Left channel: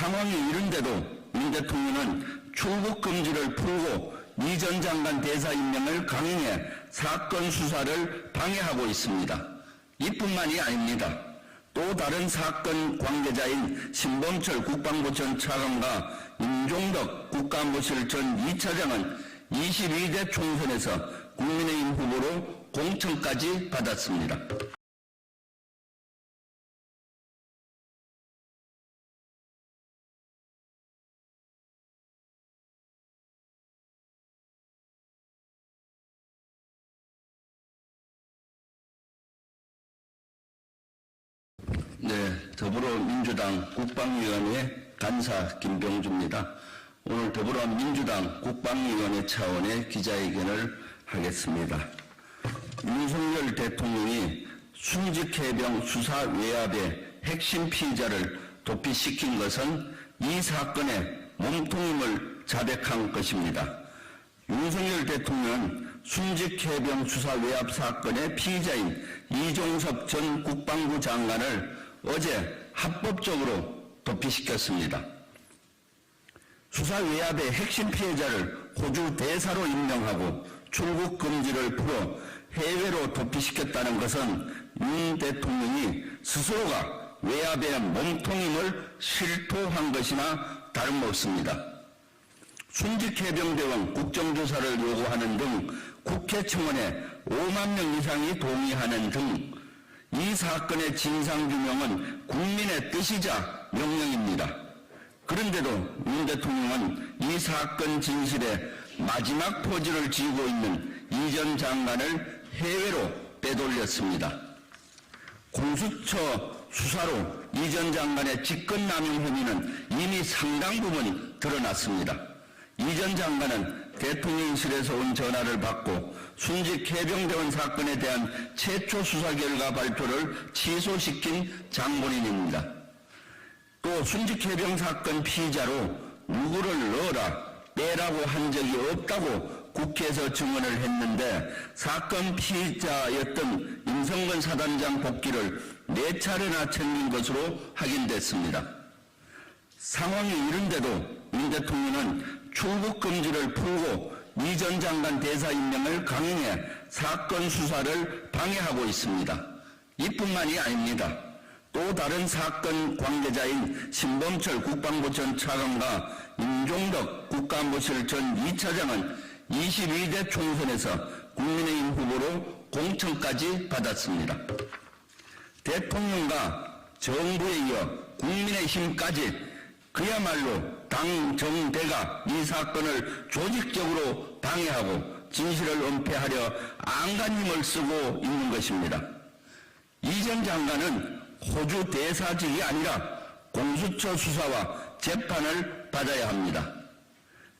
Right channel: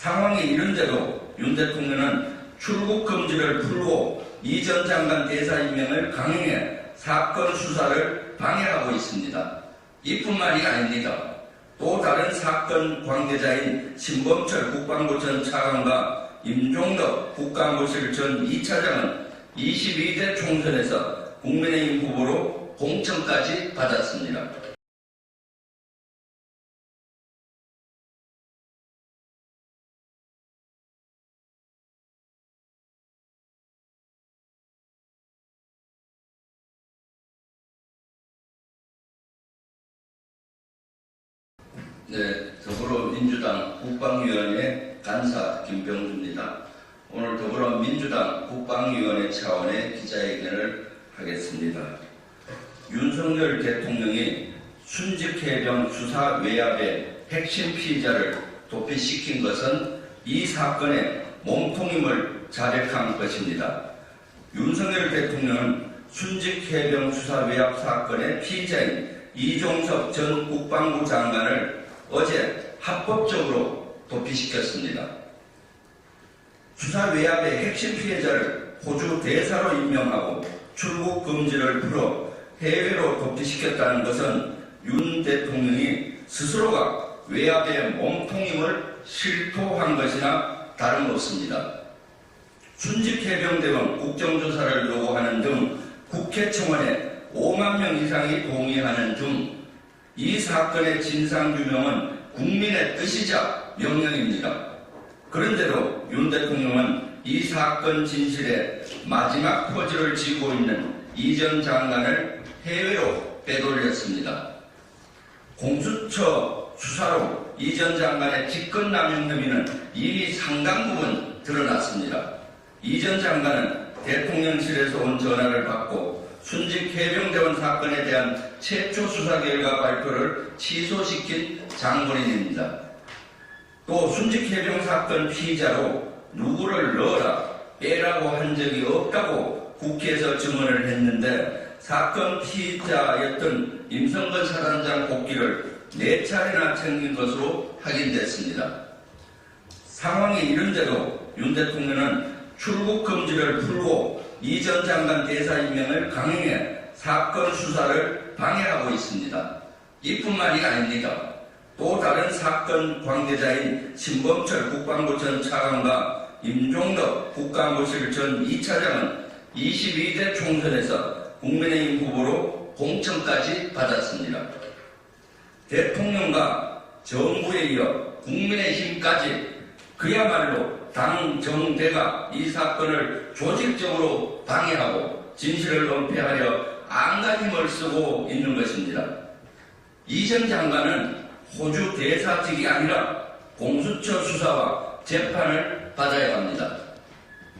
상황이 이른데도 윤 대통령은 출국 금지를 풀고 이 전 장관 대사 임명을 강행해 사건 수사를 방해하고 있습니다. 이뿐만이 아닙니다. 또 다른 사건 관계자인 신범철 국방부 전 차관과 임종덕 국가안보실 전 2차장은 22대 총선에서 국민의힘 후보로 공천까지 받았습니다. 네, 더불어민주당 국방위원회 간사 김병주입니다. 오늘 더불어민주당 국방위원회 차원의 기자회견을 하겠습니다. 윤석열 대통령이 순직해병 수사 외압의 핵심 피의자를 도피시킨 것은 이 사건의 몸통임을 자백한 것입니다. 윤석열 대통령은 순직해병 수사 외압 사건의 피의자인 이종석 전 국방부 장관을 어제 합법적으로 도피시켰습니다. 수사 외압의 핵심 피해자를 호주 대사로 임명하고 출국 금지를 풀어 해외로 도피시켰다는 것은 윤 대통령이 스스로가 외압의 몸통임을 실토한 것이나 다름없습니다. 순직해병대원 국정조사를 요구하는 등 국회 청원에 5만 명 이상이 동의하는 등 이 사건의 진상규명은 국민의 뜻이자 명령입니다. 그런데도 윤 대통령은 이 사건 진실에 마지막 퍼즐을 쥐고 있는 이 전 장관을 해외로 빼돌렸습니다. 공수처 수사로 이 전 장관의 직권남용 혐의는 이미 상당 부분 드러났습니다. 이 전 장관은 대통령실에서 온 전화를 받고 순직 해병대원 사건에 대한 최초 수사 결과 발표를 취소시킨 장본인입니다. 또 순직 해병 사건 피의자로 누구를 넣어라 빼라고 한 적이 없다고 국회에서 증언을 했는데 사건 피의자였던 임성근 사단장 복귀를 4차례나 챙긴 것으로 확인됐습니다. 상황이 이른데도 윤 대통령은 출국 금지를 풀고 이 전 장관 대사 임명을 강행해 사건 수사를 방해하고 있습니다. 이뿐만이 아닙니다. 또 다른 사건 관계자인 신범철 국방부 전 차관과 임종덕 국가안보실 전 2차장은 22대 총선에서 국민의힘 후보로 공천까지 받았습니다. 대통령과 정부에 이어 국민의힘까지 그야말로 당 정대가 이 사건을 조직적으로 방해하고 진실을 은폐하려 안간 힘을 쓰고 있는 것입니다. 이 전 장관은 호주 대사직이 아니라 공수처 수사와 재판을 받아야 합니다.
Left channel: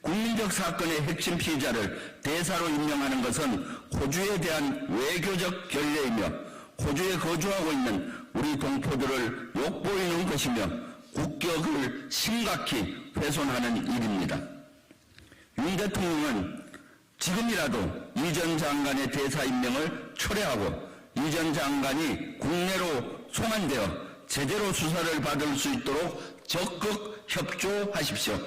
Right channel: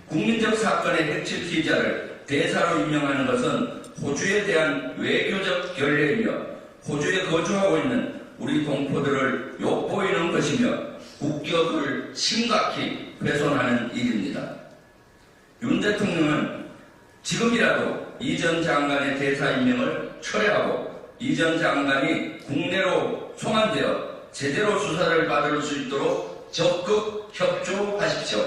국민적 사건의 핵심 피의자를 대사로 임명하는 것은 호주에 대한 외교적 결례이며 호주에 거주하고 있는 우리 동포들을 욕보이는 것이며 국격을 심각히 훼손하는 일입니다. 윤 대통령은 지금이라도 이 전 장관의 대사 임명을 철회하고 이 전 장관이 국내로 송환되어 제대로 수사를 받을 수 있도록 적극 협조하십시오.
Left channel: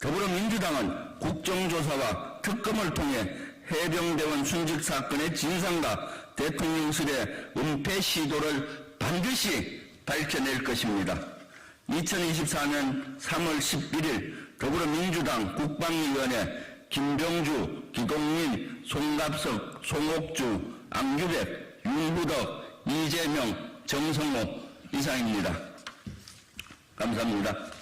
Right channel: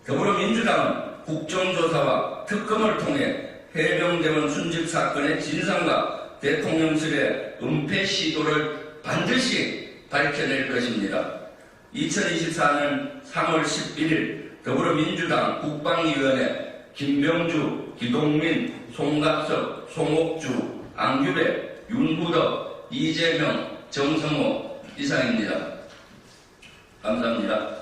더불어민주당은 국정조사와 특검을 통해 해병대원 순직 사건의 진상과 대통령실의 은폐 시도를 반드시 밝혀낼 것입니다. 2024년 3월 11일 더불어민주당 국방위원회 김병주, 기동민, 송갑석, 송옥주, 안규대, 윤부덕, 이재명, 정성호 이사입니다. 감사합니다.